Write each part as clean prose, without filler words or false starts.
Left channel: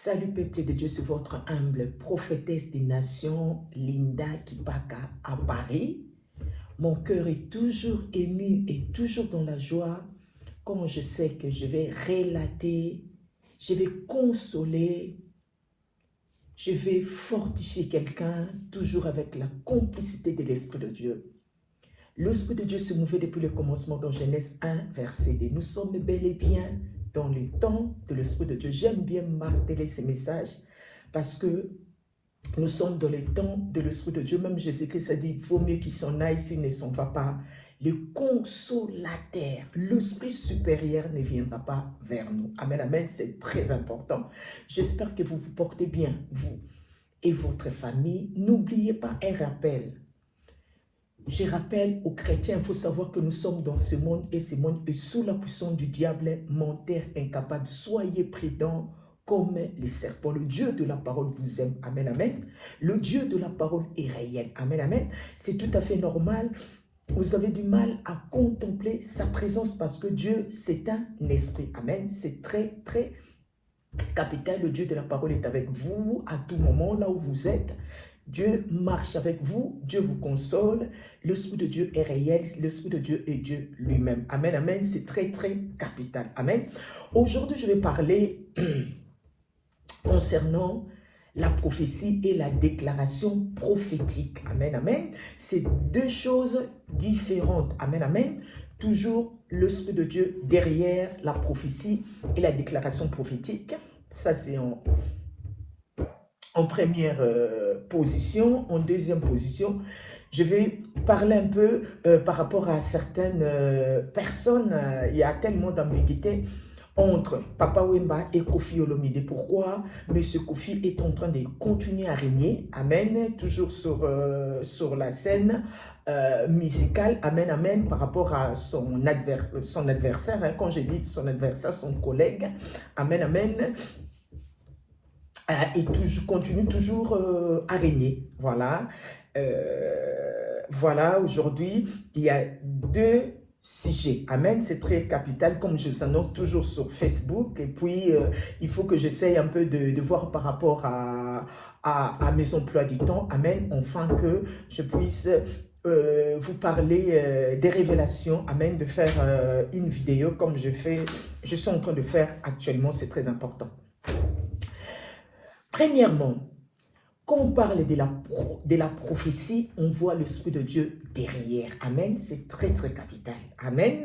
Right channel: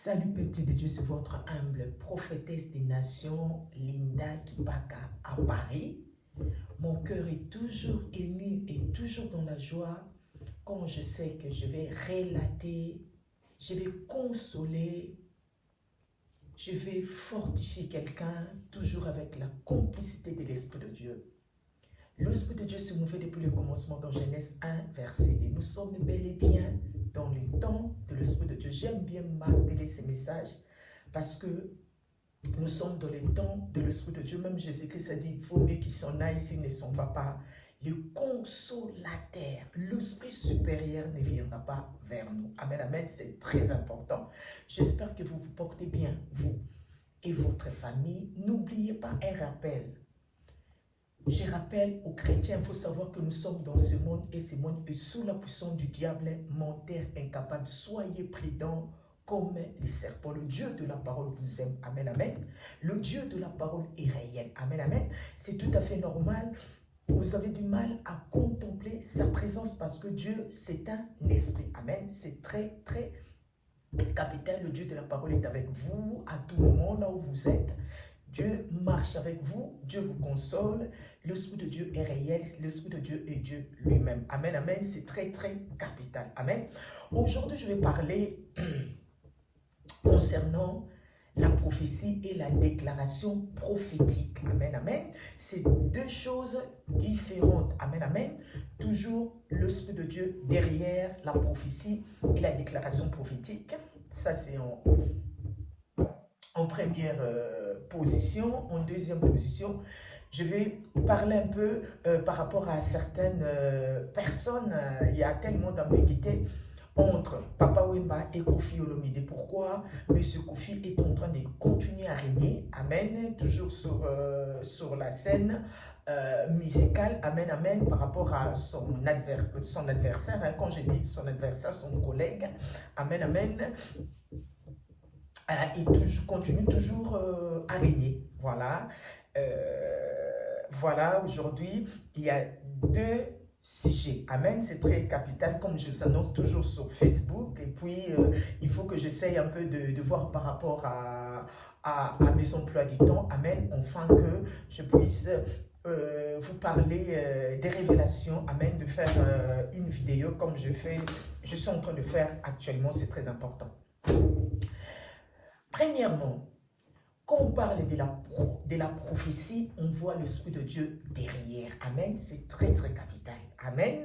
Salut peuple de Dieu, c'est votre humble prophétesse des nations, Linda Kipaka à Paris. Mon cœur est toujours ému et toujours dans la joie quand je sais que je vais relater, je vais consoler, je vais fortifier quelqu'un, toujours avec la complicité de l'Esprit de Dieu. L'Esprit de Dieu se mouvait depuis le commencement dans Genèse 1, verset 2. Nous sommes bel et bien dans le temps de l'Esprit de Dieu. J'aime bien marteler ces messages parce que nous sommes dans le temps de l'Esprit de Dieu. Même Jésus-Christ a dit, il vaut mieux qu'il s'en aille s'il ne s'en va pas. Le consolateur, l'Esprit supérieur ne viendra pas vers nous. Amen, amen, c'est très important. J'espère que vous vous portez bien, vous et votre famille. N'oubliez pas un rappel. Je rappelle aux chrétiens, il faut savoir que nous sommes dans ce monde et ce monde est sous la puissance du diable, menteur incapable. Soyez prudents comme les serpents. Le Dieu de la parole vous aime. Amen, amen. Le Dieu de la parole est réel. Amen, amen. C'est tout à fait normal. Vous avez du mal à contempler sa présence parce que Dieu, c'est un esprit. Amen. C'est très, très capital. Le Dieu de la parole est avec vous à tout moment, là où vous êtes. Dieu marche avec vous, Dieu vous console, l'Esprit de Dieu est réel, l'Esprit de Dieu est Dieu lui-même. Amen, amen, c'est très, très capital. Amen. Aujourd'hui, je vais parler concernant la prophétie et la déclaration prophétique. Amen, amen. C'est deux choses différentes. Amen, amen. Toujours l'Esprit de Dieu derrière la prophétie et la déclaration prophétique. Ça, c'est en première position. En deuxième position, je vais parler un peu par rapport à certaines personnes. Il y a tellement d'ambiguïté entre Papa Wemba et Kofi Olomide. Pourquoi M. Kofi est en train de continuer à régner, amen, toujours sur la scène musicale, amen, amen, par rapport à son adversaire, hein, quand je dis son adversaire, son collègue, amen, amen, et continue toujours à régner. Voilà. Voilà, aujourd'hui, il y a deux sujets. Amen, c'est très capital, comme je vous annonce toujours sur Facebook. Et puis, il faut que j'essaye un peu de voir par rapport à mes emplois du temps. Amen, enfin que je puisse vous parler des révélations. Amen, de faire une vidéo comme je suis en train de faire actuellement. C'est très important. Premièrement, quand on parle de la prophétie, on voit l'Esprit de Dieu derrière. Amen. C'est très, très capital. Amen.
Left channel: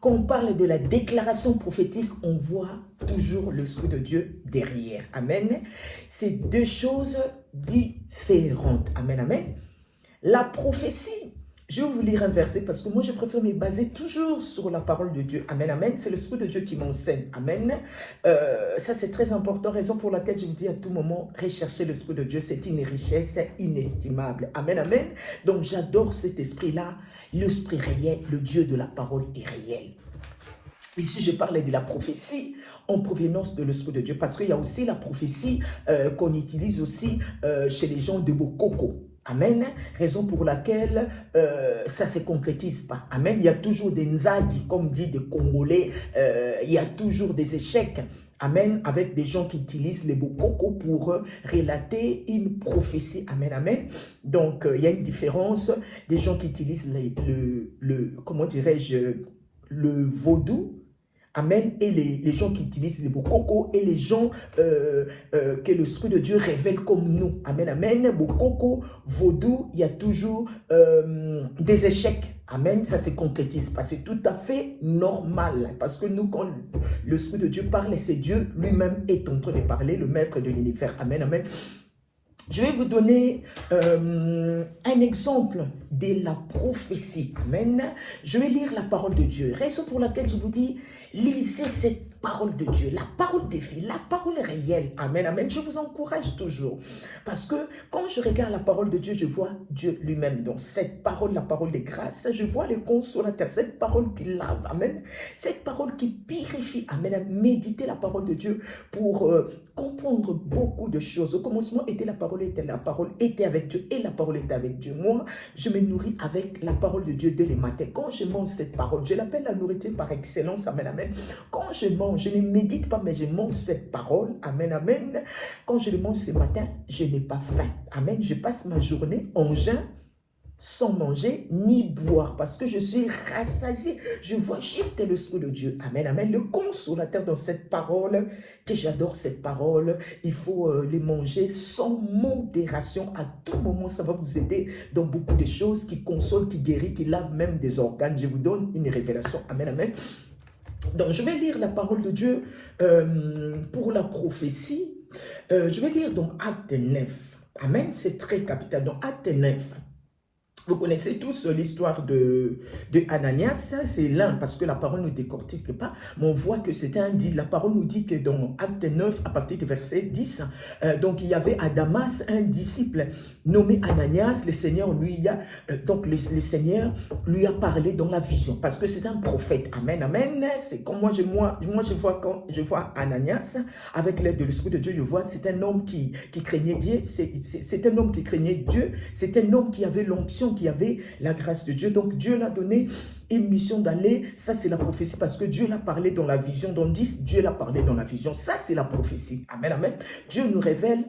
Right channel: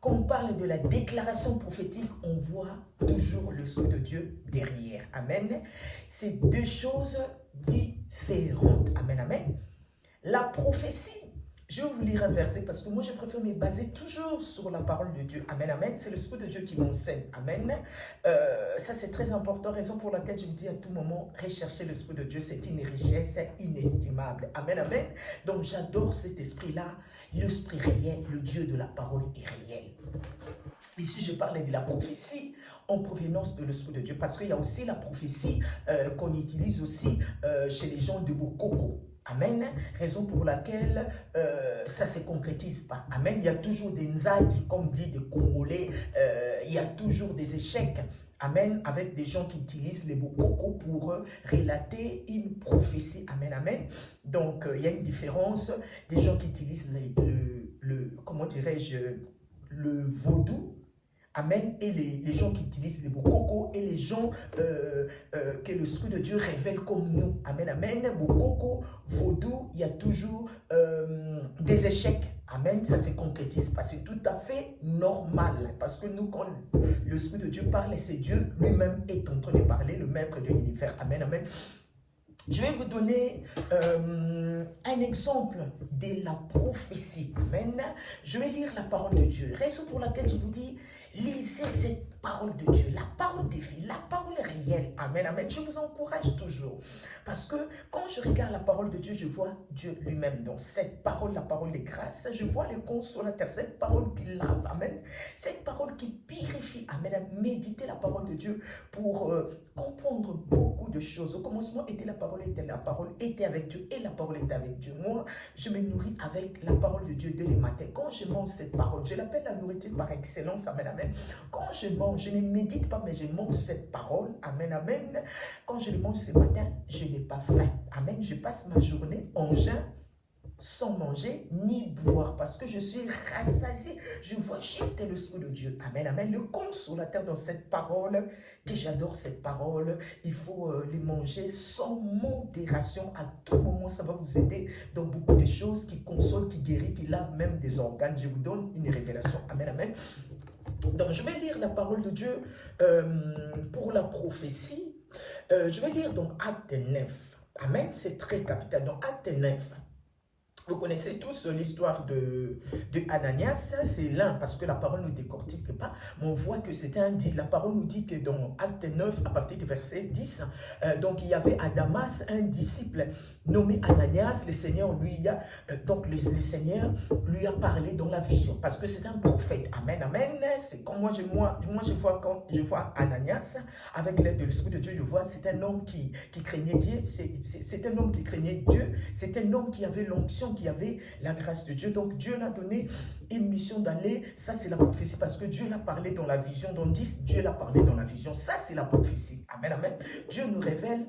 Quand on parle de la déclaration prophétique, on voit toujours l'Esprit de Dieu derrière. Amen. C'est deux choses différentes. Amen, amen. La prophétie, je vais vous lire un verset parce que moi, je préfère me baser toujours sur la parole de Dieu. Amen, amen. C'est l'Esprit de Dieu qui m'enseigne. Amen. Ça, c'est très important. Raison pour laquelle je vous dis à tout moment, rechercher l'Esprit de Dieu. C'est une richesse inestimable. Amen, amen. Donc, j'adore cet esprit-là. L'Esprit réel, le Dieu de la parole est réel. Ici, je parle de la prophétie en provenance de l'Esprit de Dieu. Parce qu'il y a aussi la prophétie qu'on utilise aussi chez les gens de Bokoko. Amen. Raison pour laquelle ça ne se concrétise pas. Amen. Il y a toujours des nzadi, comme dit des Congolais. Il y a toujours des échecs. Amen. Avec des gens qui utilisent les bokoko pour relater une prophétie. Amen. Amen. Donc, il y a une différence des gens qui utilisent comment dirais-je, le vaudou. Amen. Et les gens qui utilisent les bokoko et les gens que l'Esprit de Dieu révèle comme nous. Amen, amen. Bokoko, vaudou, il y a toujours des échecs. Amen, ça se concrétise pas. C'est tout à fait normal. Parce que nous, quand l'Esprit de Dieu parle, c'est Dieu lui-même est en train de parler, le maître de l'univers. Amen, amen. Je vais vous donner un exemple de la prophétie. Amen. Je vais lire la parole de Dieu. Raison pour laquelle je vous dis, lisez cette parole de Dieu, la parole des filles, la parole réelle. Amen, amen. Je vous encourage toujours. Parce que quand je regarde la parole de Dieu, je vois Dieu lui-même. Dans cette parole, la parole de grâce, je vois le consolateur, cette parole qui lave. Amen. Cette parole qui purifie. Amen. Méditez la parole de Dieu pour comprendre beaucoup de choses. Au commencement était la parole était avec Dieu et la parole était avec Dieu. Moi, je me nourris avec la parole de Dieu dès le matin. Quand je mange cette parole, je l'appelle la nourriture par excellence. Amen, amen. Quand je mange mange, je ne médite pas, mais je mange cette parole. Amen, amen. Quand je le mange ce matin, je n'ai pas faim. Amen. Je passe ma journée en jeûne, sans manger ni boire, parce que je suis rassasié. Je vois juste l'Esprit de Dieu. Amen, amen. Le consolateur dans cette parole, que j'adore cette parole, il faut les manger sans modération. À tout moment, ça va vous aider dans beaucoup de choses qui consolent, qui guérissent, qui lavent même des organes. Je vous donne une révélation. Amen, amen. Donc, je vais lire la parole de Dieu pour la prophétie. Je vais lire dans Acte 9. Amen, c'est très capital. Dans Acte 9. Vous connaissez tous l'histoire de Ananias, c'est l'un, parce que la parole ne décortique pas, mais on voit que c'était un dit. La parole nous dit que dans Acte 9, à partir du verset 10, donc il y avait à Damas un disciple nommé Ananias. Le Seigneur lui a, le Seigneur lui a parlé dans la vision, parce que c'est un prophète. Amen, amen. C'est comme moi je vois quand je vois Ananias, avec l'aide de l'Esprit de Dieu, je vois c'est un homme qui craignait Dieu, c'est un homme qui craignait Dieu, c'est un homme qui avait l'onction, qui avait la grâce de Dieu. Donc Dieu l'a donné une mission d'aller, ça c'est la prophétie, parce que Dieu l'a parlé dans la vision. Dans 10, Dieu l'a parlé dans la vision, ça c'est la prophétie. Amen, amen. Dieu nous révèle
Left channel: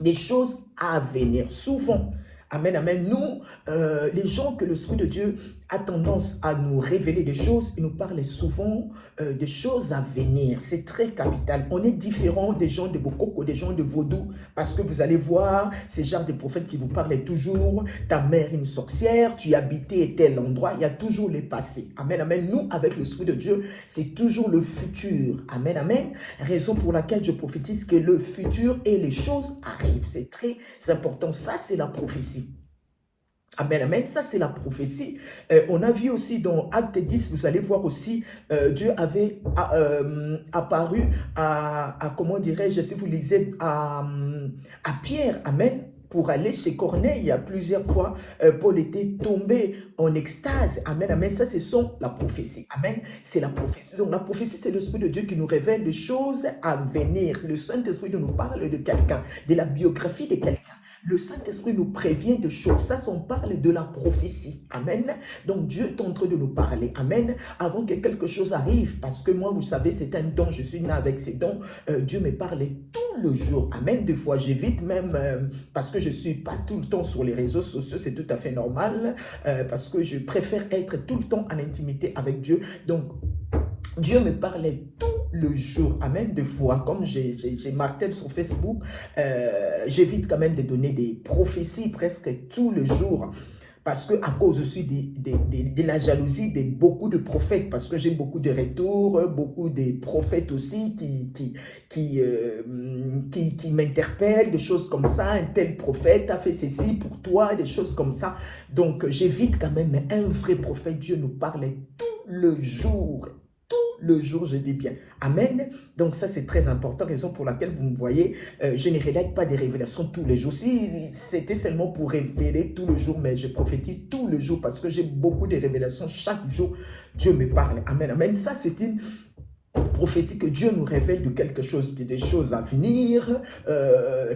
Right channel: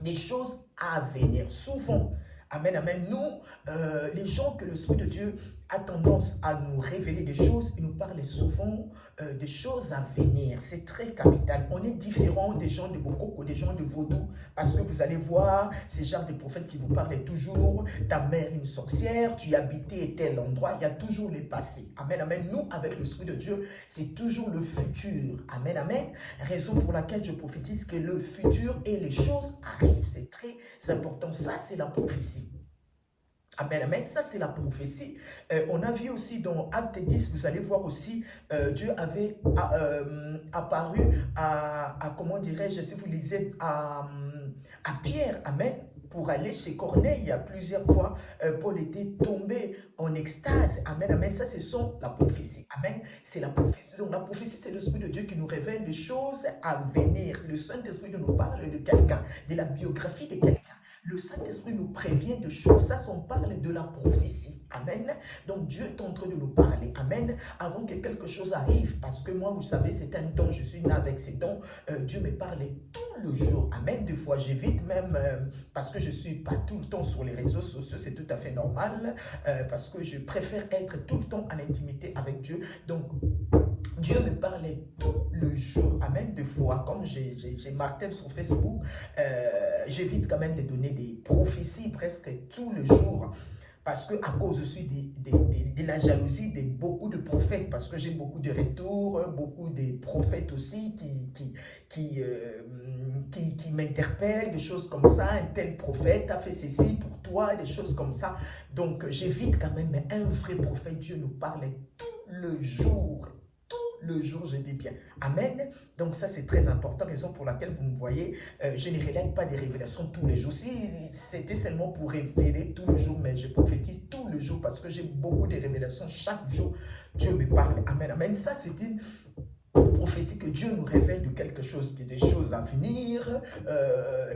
des choses à venir, souvent. Amen, amen. Nous, les gens que l'Esprit de Dieu a tendance à nous révéler des choses, il nous parle souvent des choses à venir. C'est très capital. On est différent des gens de Bokoko, des gens de Vaudou, parce que vous allez voir, ces genres de prophètes qui vous parlent toujours, ta mère une sorcière, tu habitais tel endroit, il y a toujours les passés. Amen, amen. Nous, avec l'Esprit de Dieu, c'est toujours le futur. Amen, amen. Raison pour laquelle je prophétise que le futur et les choses arrivent. C'est très important. Ça, c'est la prophétie. Amen, amen. Ça, c'est la prophétie. On a vu aussi dans Acte 10, vous allez voir aussi, Dieu avait apparu comment dirais-je, si vous lisez, à Pierre. Amen. Pour aller chez Corneille, il y a plusieurs fois, Paul était tombé en extase. Amen, amen. Ça, c'est la prophétie. Amen. C'est la prophétie. Donc, la prophétie, c'est l'Esprit de Dieu qui nous révèle des choses à venir. Le Saint-Esprit nous parle de quelqu'un, de la biographie de quelqu'un. Le Saint-Esprit nous prévient de choses. Ça, on parle de la prophétie. Amen. Donc, Dieu est en train de nous parler. Amen. Avant que quelque chose arrive. Parce que moi, vous savez, c'est un don. Je suis né avec ces dons. Dieu me parle tout le jour. Amen. Des fois, j'évite même parce que je ne suis pas tout le temps sur les réseaux sociaux. C'est tout à fait normal. Parce que je préfère être tout le temps en intimité avec Dieu. Donc, Dieu me parlait tout le jour. Amen. Des fois, comme j'ai martelé sur Facebook, j'évite quand même de donner des prophéties presque tout le jour. Parce que à cause aussi de la jalousie de beaucoup de prophètes, parce que j'ai beaucoup de retours, beaucoup de prophètes aussi qui m'interpellent, des choses comme ça. Un tel prophète a fait ceci pour toi, des choses comme ça. Donc j'évite quand même, mais un vrai prophète, Dieu nous parlait tout le jour. Le jour, je dis bien. Amen. Donc ça, c'est très important, raison pour laquelle vous me voyez, je ne relève pas des révélations tous les jours. Si c'était seulement pour révéler tout le jour, mais je prophétise tout le jour parce que j'ai beaucoup de révélations. Chaque jour, Dieu me parle. Amen, amen. Ça, c'est une prophétie que Dieu nous révèle de quelque chose, des choses à venir,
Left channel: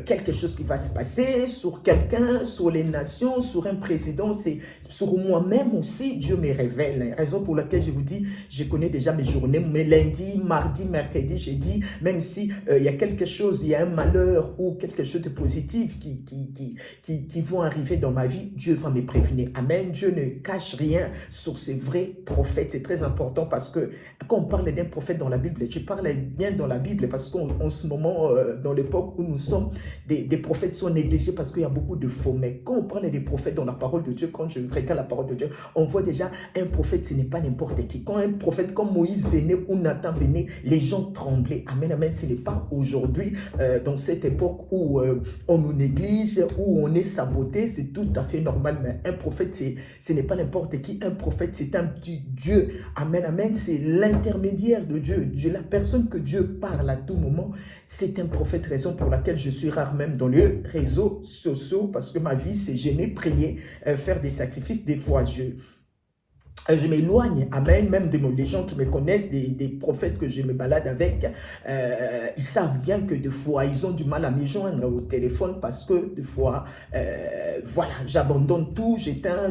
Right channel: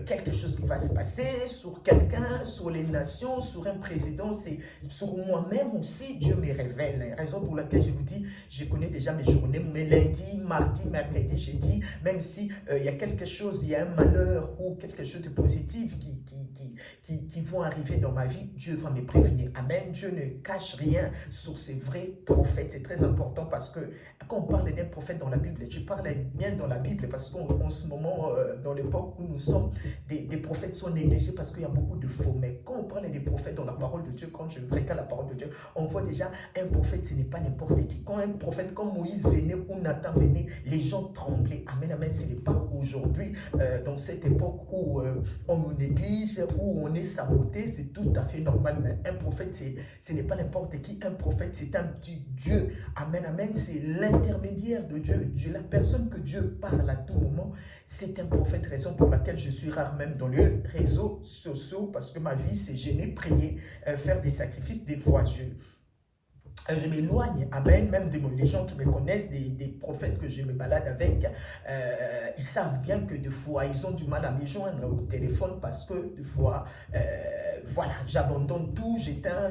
quelque chose qui va se passer sur quelqu'un, sur les nations, sur un président, c'est sur moi-même aussi, Dieu me révèle. Raison pour laquelle je vous dis, je connais déjà mes journées, mes lundis, mardi, mercredi, jeudi, même si il y a quelque chose, il y a un malheur ou quelque chose de positif qui vont arriver dans ma vie, Dieu va me prévenir. Amen. Dieu ne cache rien sur ces vrais prophètes. C'est très important parce que quand on parle d'un prophète dans la Bible, tu parles bien dans la Bible parce qu'en ce moment, dans l'époque où nous sommes, des prophètes sont négligés parce qu'il y a beaucoup de faux. Mais quand on parle des prophètes dans la parole de Dieu, quand je regarde la parole de Dieu, on voit déjà un prophète, ce n'est pas n'importe qui. Quand un prophète comme Moïse venait ou Nathan venait, les gens tremblaient. Amen, amen. Ce n'est pas aujourd'hui, dans cette époque où on nous néglige, où on est saboté, c'est tout à fait normal. Mais un prophète, ce n'est pas n'importe qui. Un prophète, c'est un petit Dieu. Amen, amen. C'est l'intermédiaire de Dieu. La personne que Dieu parle à tout moment, c'est un prophète, raison pour laquelle je suis rare même dans les réseaux sociaux, parce que ma vie, c'est gêner, prier, faire des sacrifices. Des fois, je m'éloigne, amen, même les gens qui me connaissent, des prophètes que je me balade avec, ils savent bien que des fois, ils ont du mal à me joindre au téléphone parce que des fois, voilà, j'abandonne tout, j'éteins,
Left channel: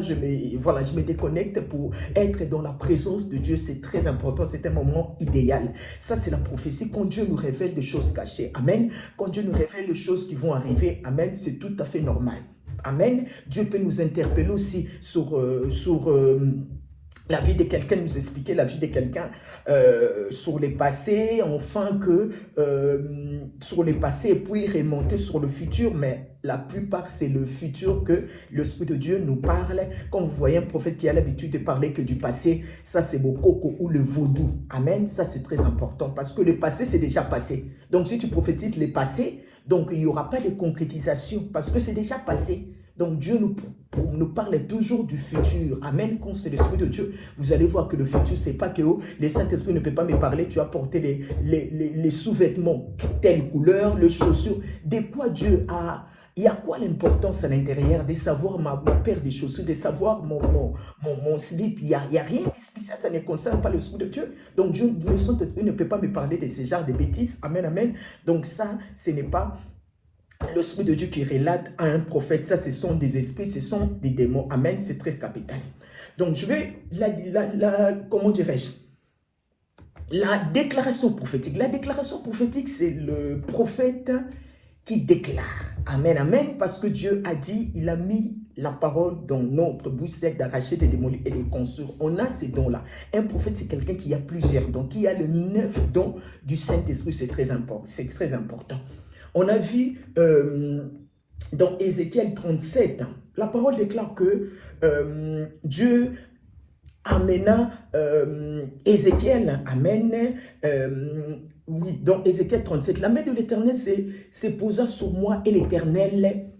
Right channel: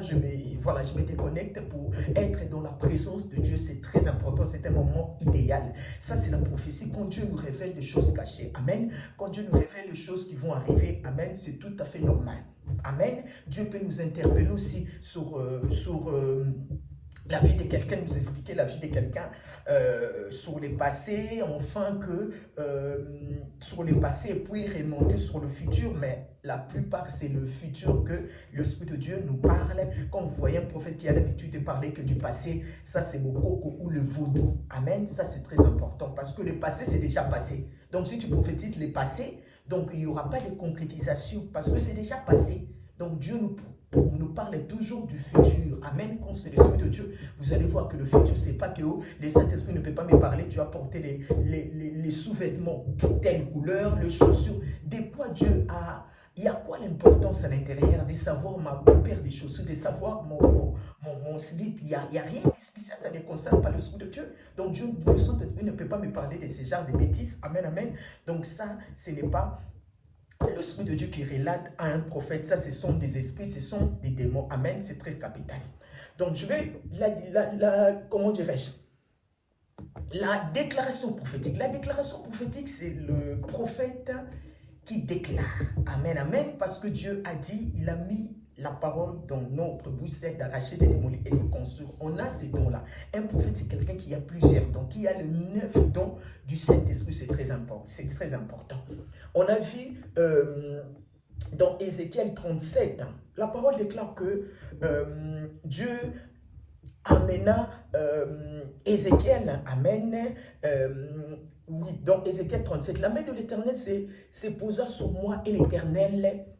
voilà, je me déconnecte pour être dans la présence de Dieu. C'est très important, c'est un moment idéal. Ça, c'est la prophétie. Quand Dieu nous révèle des choses cachées, amen, quand Dieu nous révèle des choses qui vont arriver, amen, c'est tout à fait normal. Amen. Dieu peut nous interpeller aussi sur la vie de quelqu'un, nous expliquer la vie de quelqu'un sur les passés, enfin que sur les passés, et puis remonter sur le futur, mais la plupart, c'est le futur que l'Esprit de Dieu nous parle. Quand vous voyez un prophète qui a l'habitude de parler que du passé, ça c'est le coco ou le vaudou. Amen, ça c'est très important parce que le passé, c'est déjà passé. Donc si tu prophétises le passé, donc il n'y aura pas de concrétisation parce que c'est déjà passé. Donc Dieu nous parle toujours du futur. Amen. Quand c'est l'Esprit de Dieu, vous allez voir que le futur, c'est pas que le Saint-Esprit ne peut pas me parler. Tu as porté les sous-vêtements, telle couleur, les chaussures. De quoi Dieu a... Il y a quoi l'importance à l'intérieur de savoir ma paire de chaussures, de savoir mon slip. Il n'y a rien de spécial, ça ne concerne pas l'Esprit de Dieu. Donc Dieu, le Saint-Esprit ne peut pas me parler de ce genre de bêtises. Amen, amen. Donc ça, ce n'est pas l'Esprit de Dieu qui relate à un prophète. Ça, ce sont des esprits, ce sont des démons. Amen, c'est très capital. Donc je vais, comment dirais-je, la déclaration prophétique. La déclaration prophétique, c'est le prophète qui déclare. Amen, amen, parce que Dieu a dit, il a mis la parole dans notre bouche, c'est d'arracher, de démolir et de construire. On a ces dons-là. Un prophète, c'est quelqu'un qui a plusieurs dons, qui a le 9 dons du Saint-Esprit. C'est très important. C'est très important. On a vu dans Ézéchiel 37, la parole déclare que Dieu amena Ézéchiel, amen, oui, dans Ézéchiel 37, la main de l'Éternel se posa sur moi et l'Éternel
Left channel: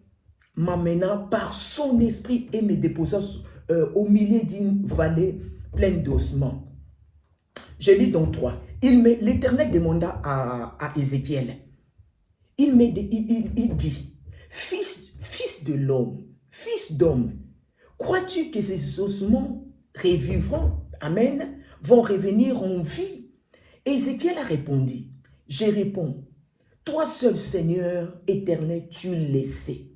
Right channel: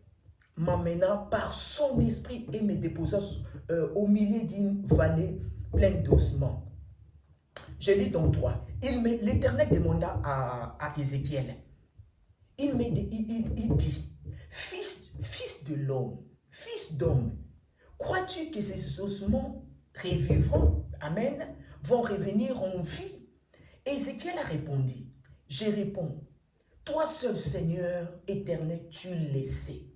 m'amena par son esprit et me déposa au milieu d'une vallée pleine d'ossements. Je lis donc 3. L'Éternel demanda à Ézéchiel, il dit, fils de l'homme, fils d'homme, crois-tu que ces ossements revivront, amen, vont revenir en vie? Ézéchiel a répondu, je réponds, toi seul Seigneur éternel, tu le sais.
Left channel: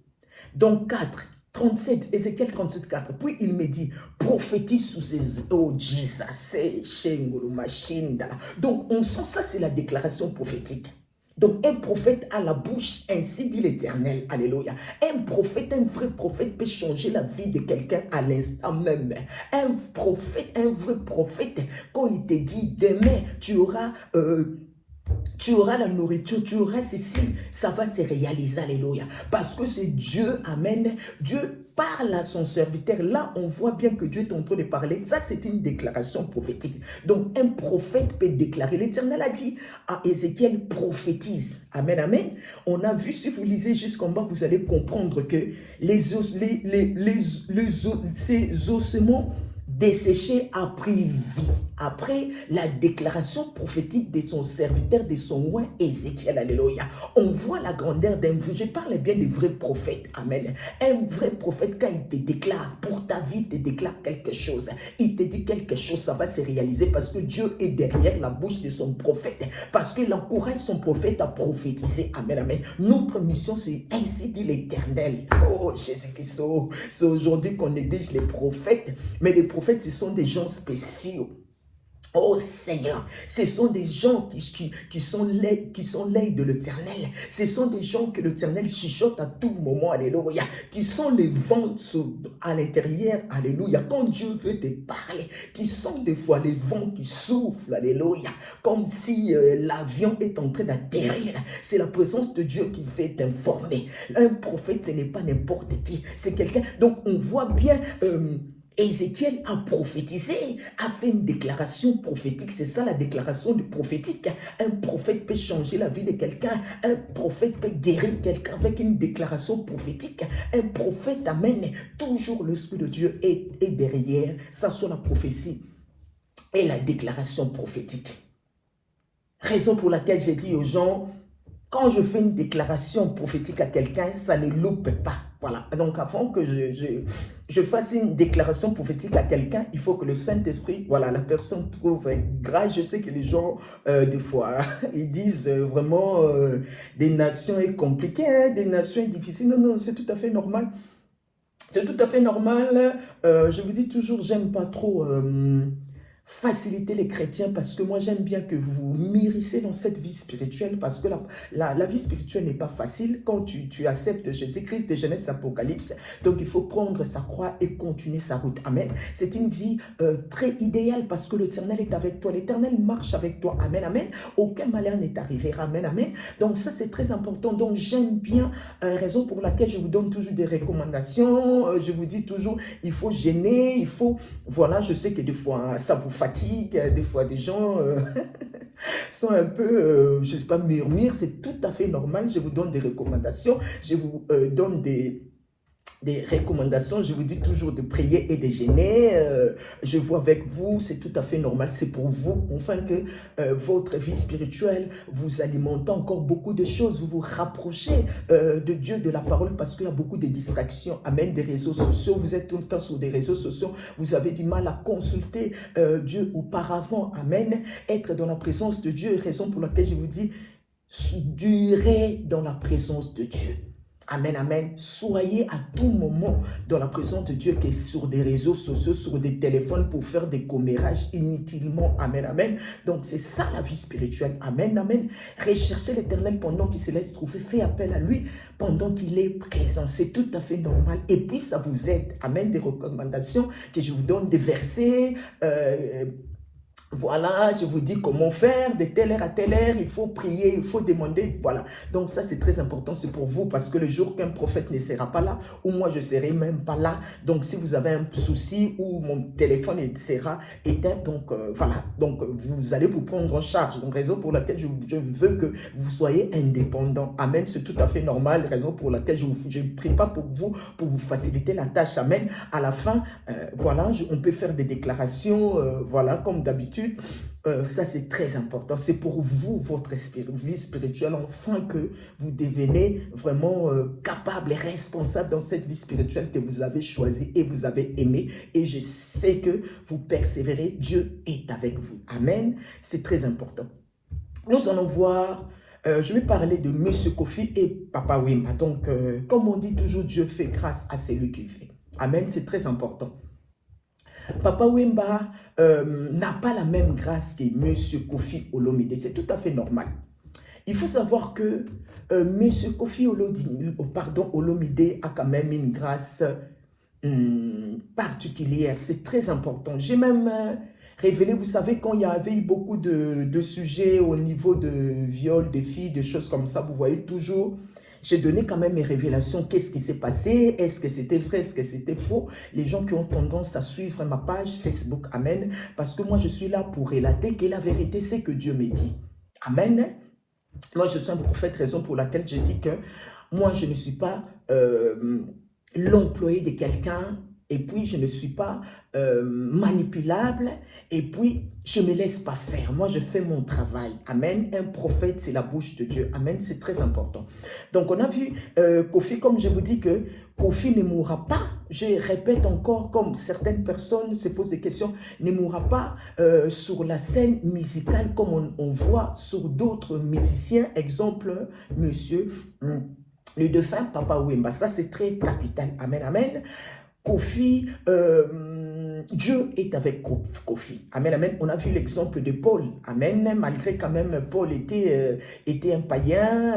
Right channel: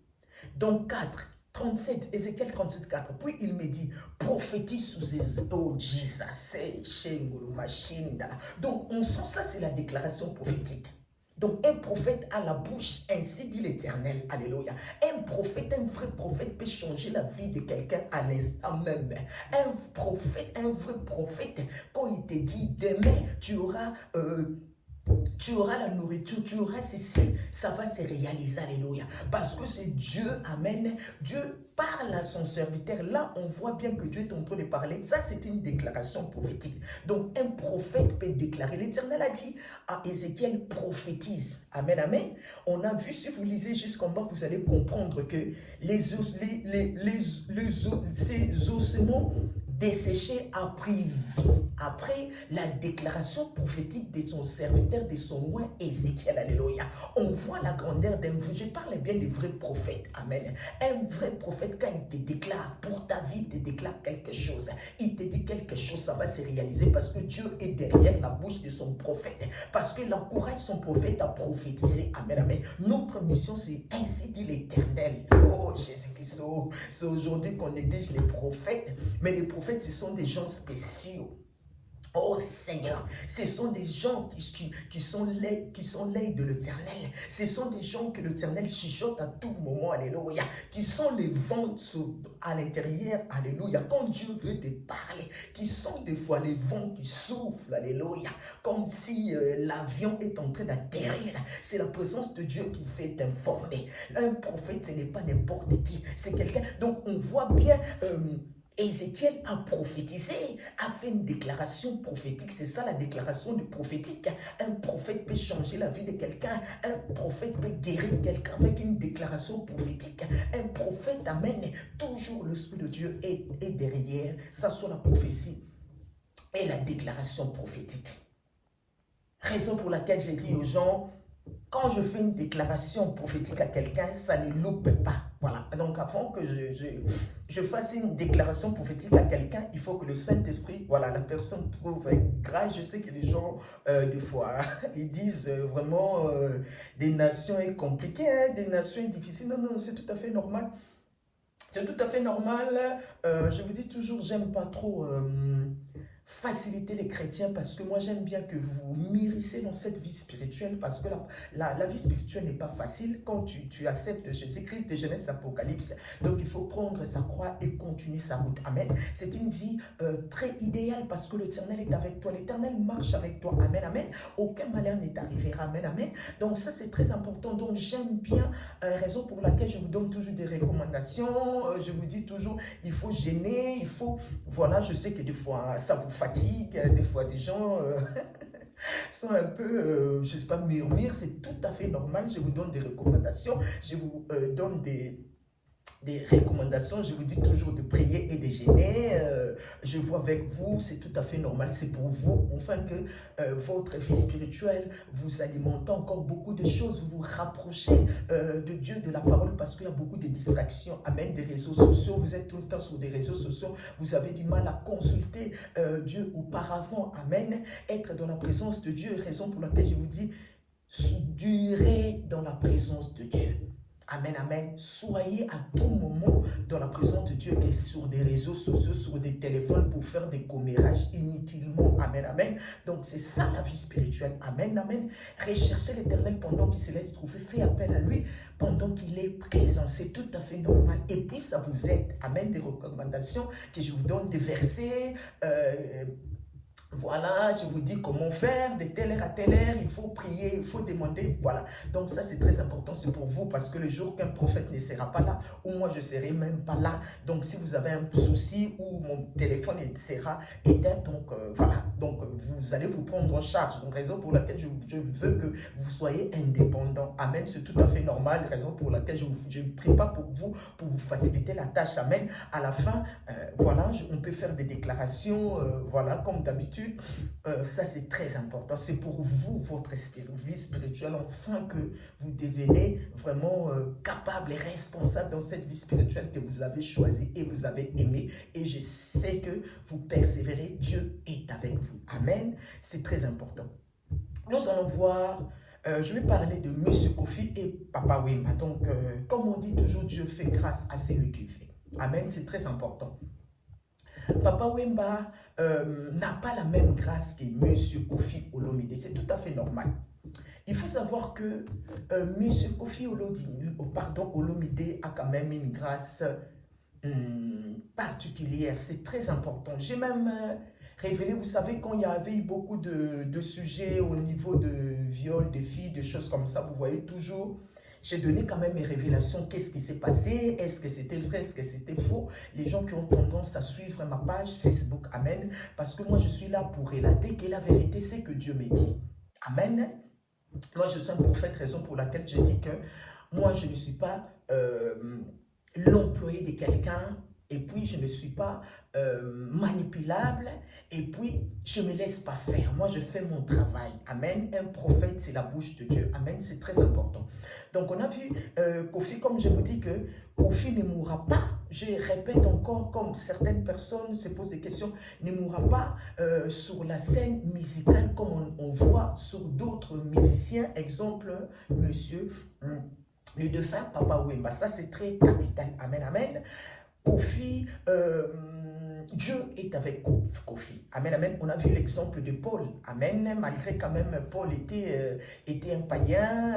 Donc 4, 37, Ézéchiel 37, 4. Puis il me dit, prophétise sous ses... Oh, Jesus, donc on sent ça, c'est la déclaration prophétique. Donc un prophète à la bouche, ainsi dit l'Éternel, alléluia. Un prophète, un vrai prophète peut changer la vie de quelqu'un à l'instant même. Un prophète, un vrai prophète, quand il te dit, demain, tu auras la nourriture, tu auras ceci, ça va se réaliser, alléluia. Parce que c'est Dieu, amen. Dieu parle à son serviteur. Là, on voit bien que Dieu est en train de parler. Ça, c'est une déclaration prophétique. Donc, un prophète peut déclarer. L'Éternel a dit à Ézéchiel, prophétise. Amen, amen. On a vu, si vous lisez jusqu'en bas, vous allez comprendre que ces ossements desséché a pris vie après la déclaration prophétique de son serviteur, de son roi Ézéchiel, alléluia. On voit la grandeur d'un vrai, je parle bien des vrais prophètes, amen. Un vrai prophète, quand il te déclare pour ta vie, il te déclare quelque chose, il te dit quelque chose, ça va se réaliser parce que Dieu est derrière la bouche de son prophète, parce qu'il encourage son prophète à prophétiser, amen, amen. Notre mission, c'est ainsi dit l'Éternel. Oh Jésus-Christ, c'est aujourd'hui qu'on néglige les prophètes, mais les prophètes, ce sont des gens spéciaux. Oh Seigneur, ce sont des gens qui sont l'œil de l'Éternel. Ce sont des gens que l'Éternel chuchote à tout moment, alléluia. Tu sens les vents à l'intérieur, alléluia. Quand Dieu veut te parler, tu sens des fois les vents qui soufflent, alléluia. Comme si l'avion est en train d'atterrir. C'est la présence de Dieu qui fait t'informer. Un prophète, ce n'est pas n'importe qui. C'est quelqu'un, donc on voit bien... Ézéchiel a prophétisé, a fait une déclaration prophétique. C'est ça la déclaration prophétique. Un prophète peut changer la vie de quelqu'un. Un prophète peut guérir quelqu'un avec une déclaration prophétique. Un prophète amène toujours l'Esprit de Dieu est derrière. Ça soit la prophétie et la déclaration prophétique. Raison pour laquelle j'ai dit aux gens, quand je fais une déclaration prophétique à quelqu'un, ça ne loupe pas. Voilà, donc avant que je fasse une déclaration prophétique à quelqu'un, il faut que le Saint-Esprit, voilà, la personne trouve grâce. Je sais que les gens, des fois, ils disent vraiment des nations est compliqué, hein, des nations est difficile. Non, non, c'est tout à fait normal. C'est tout à fait normal. Je vous dis toujours, j'aime pas trop faciliter les chrétiens parce que moi j'aime bien que vous mûrissez dans cette vie spirituelle parce que la vie spirituelle n'est pas facile quand tu acceptes Jésus-Christ de Genèse Apocalypse. Donc il faut prendre sa croix et continuer sa route. Amen. C'est une vie très idéale parce que l'Éternel est avec toi. L'Éternel marche avec toi. Amen. Amen. Aucun malheur n'est arrivé. Amen. Amen. Donc ça c'est très important. Donc j'aime bien, raison pour laquelle je vous donne toujours des recommandations. Je vous dis toujours, il faut gêner, il faut... Voilà, je sais que des fois ça vous fatigue, des fois des gens sont un peu, je ne sais pas, murmure, c'est tout à fait normal. Je vous donne des recommandations, je vous donne des recommandations, je vous dis toujours de prier et de jeûner. Je vois avec vous, c'est tout à fait normal, c'est pour vous, afin que votre vie spirituelle vous alimente encore beaucoup de choses, vous vous rapprochez de Dieu, de la parole, parce qu'il y a beaucoup de distractions. Amen, des réseaux sociaux, vous êtes tout le temps sur des réseaux sociaux, vous avez du mal à consulter Dieu auparavant. Amen, être dans la présence de Dieu, raison pour laquelle je vous dis, durer dans la présence de Dieu. Amen, amen. Soyez à tout moment dans la présence de Dieu qui est sur des réseaux sociaux, sur des téléphones pour faire des commérages inutilement. Amen, amen. Donc c'est ça la vie spirituelle. Amen, amen. Recherchez l'Éternel pendant qu'il se laisse trouver. Faites appel à lui pendant qu'il est présent. C'est tout à fait normal. Et puis ça vous aide. Amen. Des recommandations que je vous donne, des versets. Voilà, je vous dis comment faire, de telle heure à telle heure, il faut prier, il faut demander, voilà. Donc ça, c'est très important, c'est pour vous, parce que le jour qu'un prophète ne sera pas là, ou moi, je ne serai même pas là, donc si vous avez un souci, ou mon téléphone sera éteint, donc voilà, donc vous allez vous prendre en charge. Donc raison pour laquelle je veux que vous soyez indépendant. Amen, c'est tout à fait normal, raison pour laquelle je ne prie pas pour vous faciliter la tâche. Amen. À la fin, voilà, on peut faire des déclarations, voilà, comme d'habitude. Ça c'est très important, c'est pour vous, votre vie spirituelle, afin que vous devenez vraiment capable et responsable dans cette vie spirituelle que vous avez choisie et vous avez aimée, et je sais que vous persévérez, Dieu est avec vous. Amen, c'est très important. Nous allons voir, je vais parler de Monsieur Kofi et Papa Wemba. Donc, comme on dit toujours, Dieu fait grâce à celui qui fait. Amen, c'est très important. Papa Wemba n'a pas la même grâce que Monsieur Kofi Olomide. C'est tout à fait normal. Il faut savoir que Monsieur Kofi Olomide a quand même une grâce particulière. C'est très important. J'ai même révélé, vous savez, quand il y avait eu beaucoup de sujets au niveau de viol, de filles, de choses comme ça, vous voyez toujours... J'ai donné quand même mes révélations. Qu'est-ce qui s'est passé? Est-ce que c'était vrai? Est-ce que c'était faux? Les gens qui ont tendance à suivre ma page Facebook, Amen. Parce que moi, je suis là pour relater que la vérité, c'est que Dieu me dit. Amen. Moi, je suis un prophète, raison pour laquelle je dis que moi, je ne suis pas l'employé de quelqu'un. Et puis, je ne suis pas manipulable. Et puis, je ne me laisse pas faire. Moi, je fais mon travail. Amen. Un prophète, c'est la bouche de Dieu. Amen. C'est très important. Donc, on a vu Kofi, comme je vous dis que Kofi ne mourra pas. Je répète encore, comme certaines personnes se posent des questions, ne mourra pas sur la scène musicale comme on voit sur d'autres musiciens. Exemple, monsieur le défunt Papa Wemba. Ça, c'est très capital. Amen, amen. Kofi, Dieu est avec Kofi. Amen, amen. On a vu l'exemple de Paul. Amen. Malgré quand même Paul était un païen,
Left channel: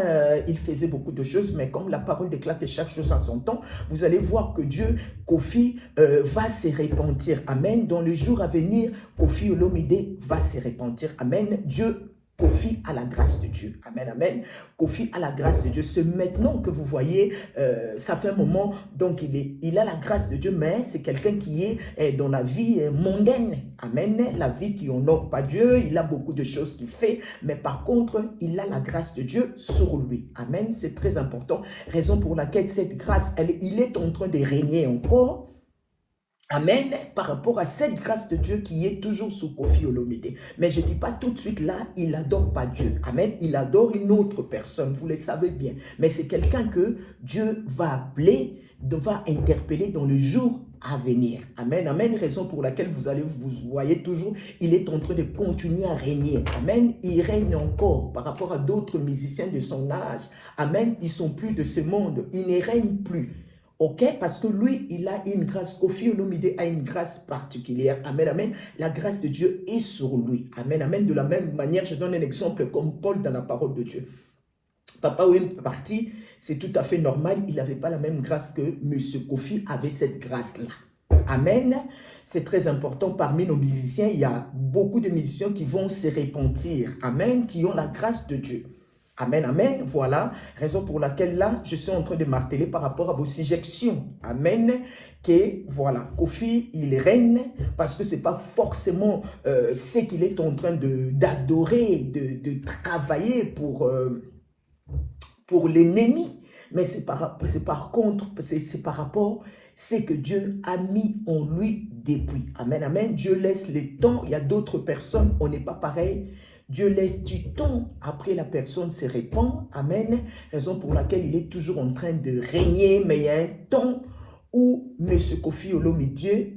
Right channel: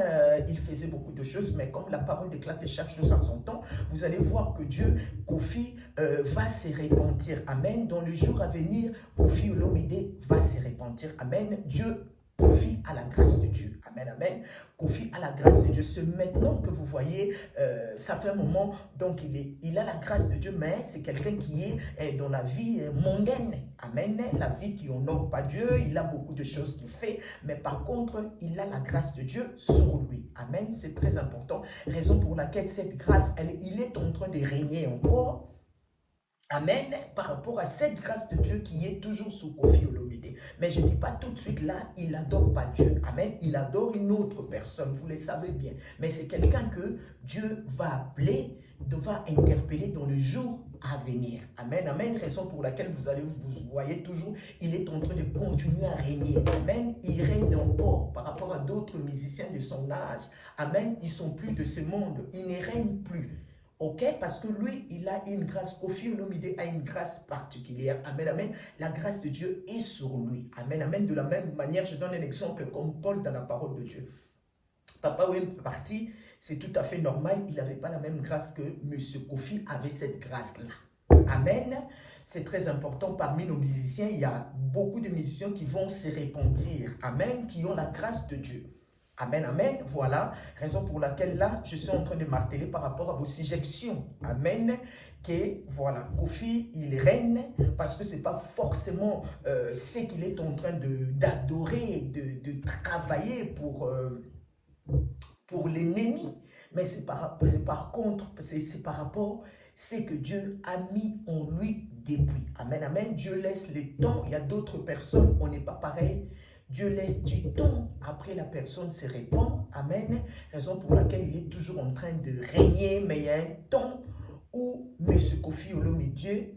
il faisait beaucoup de choses, mais comme la parole déclare que chaque chose a son temps, vous allez voir que Dieu, Kofi, va se repentir. Amen. Dans le jour à venir, Kofi Olomide va se repentir. Amen. Dieu, Kofi a la grâce de Dieu. Amen, amen. Kofi a la grâce de Dieu. C'est maintenant que vous voyez, ça fait un moment, donc il a la grâce de Dieu, mais c'est quelqu'un qui est dans la vie mondaine. Amen. La vie qui honore pas Dieu. Il a beaucoup de choses qu'il fait, mais par contre, il a la grâce de Dieu sur lui. Amen. C'est très important. Raison pour laquelle cette grâce, il est en train de régner encore. Amen, par rapport à cette grâce de Dieu qui est toujours sous Kofi Olomide. Mais je ne dis pas tout de suite là, il n'adore pas Dieu. Amen, il adore une autre personne, vous le savez bien. Mais c'est quelqu'un que Dieu va appeler va interpeller dans le jour à venir. Amen, amen. Raison pour laquelle vous voyez toujours, il est en train de continuer à régner. Amen. Il règne encore par rapport à d'autres musiciens de son âge. Amen. Ils sont plus de ce monde. Il ne règne plus. Ok, parce que lui, il a une grâce. Koffi Olomide a une grâce particulière. Amen, amen. La grâce de Dieu est sur lui. Amen, amen. De la même manière, je donne un exemple comme Paul dans la parole de Dieu. Papa Wem est parti, c'est tout à fait normal. Il n'avait pas la même grâce que M. Koffi avait cette grâce-là. Amen. C'est très important. Parmi nos musiciens, il y a beaucoup de musiciens qui vont se repentir. Amen. Qui ont la grâce de Dieu. Amen, amen. Voilà, raison pour laquelle là, je suis en train de marteler par rapport à vos suggestions. Amen. Que voilà, Koffi, il règne parce que ce n'est pas forcément ce qu'il est en train d'adorer, de travailler pour l'ennemi. Mais c'est par rapport à ce que Dieu a mis en lui depuis. Amen, amen. Dieu laisse le temps. Il y a d'autres personnes, on n'est pas pareil. Dieu laisse du temps, après la personne se répand, amen, raison pour laquelle il est toujours en train de régner, mais il y a un temps où M. Koffi Olomide,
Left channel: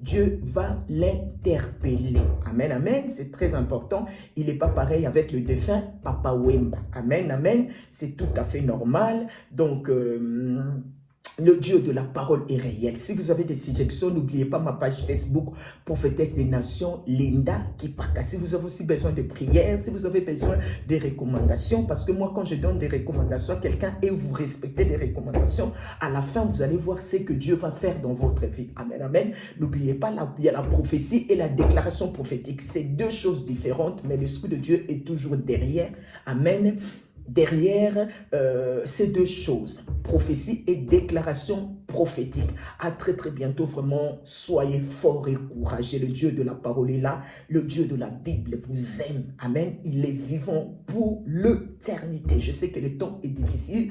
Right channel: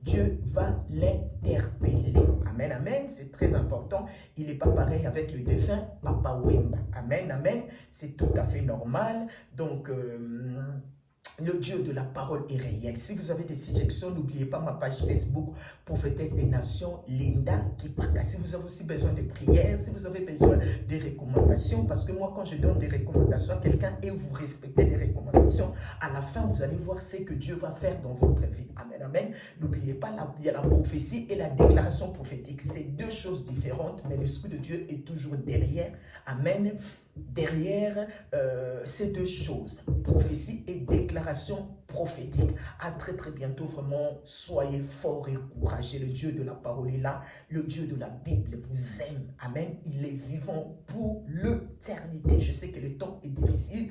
Dieu va l'interpeller. Amen, amen, c'est très important. Il n'est pas pareil avec le défunt Papa Wemba. Amen, amen, c'est tout à fait normal. Donc, le Dieu de la parole est réel. Si vous avez des suggestions, n'oubliez pas ma page Facebook, Prophétesse des Nations, Linda Kipaka. Si vous avez aussi besoin de prières, si vous avez besoin de recommandations, parce que moi, quand je donne des recommandations à quelqu'un et vous respectez les recommandations, à la fin, vous allez voir ce que Dieu va faire dans votre vie. Amen, amen. N'oubliez pas, il y a la prophétie et la déclaration prophétique. C'est deux choses différentes, mais l'Esprit de Dieu est toujours derrière. Amen. Derrière ces deux choses, prophétie et déclaration prophétique. À très très bientôt, vraiment, soyez forts et courageux. Le Dieu de la parole est là, le Dieu de la Bible vous aime. Amen. Il est vivant pour l'éternité. Je sais que le temps est difficile.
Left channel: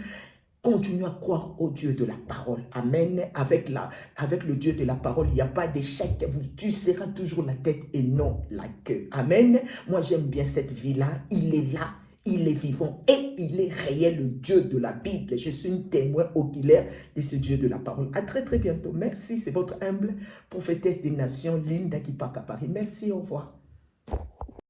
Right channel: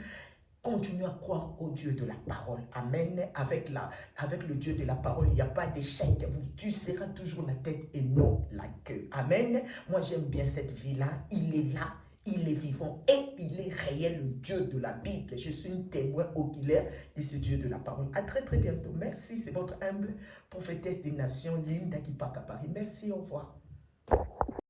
Continue à croire au Dieu de la parole. Amen. Avec le Dieu de la parole, il n'y a pas d'échec. Tu seras toujours la tête et non la queue. Amen. Moi, j'aime bien cette vie-là. Il est là. Il est vivant et il est réel, le Dieu de la Bible. Je suis une témoin oculaire de ce Dieu de la parole. À très très bientôt. Merci, c'est votre humble prophétesse des nations, Linda Kipaka Paris. Merci, au revoir.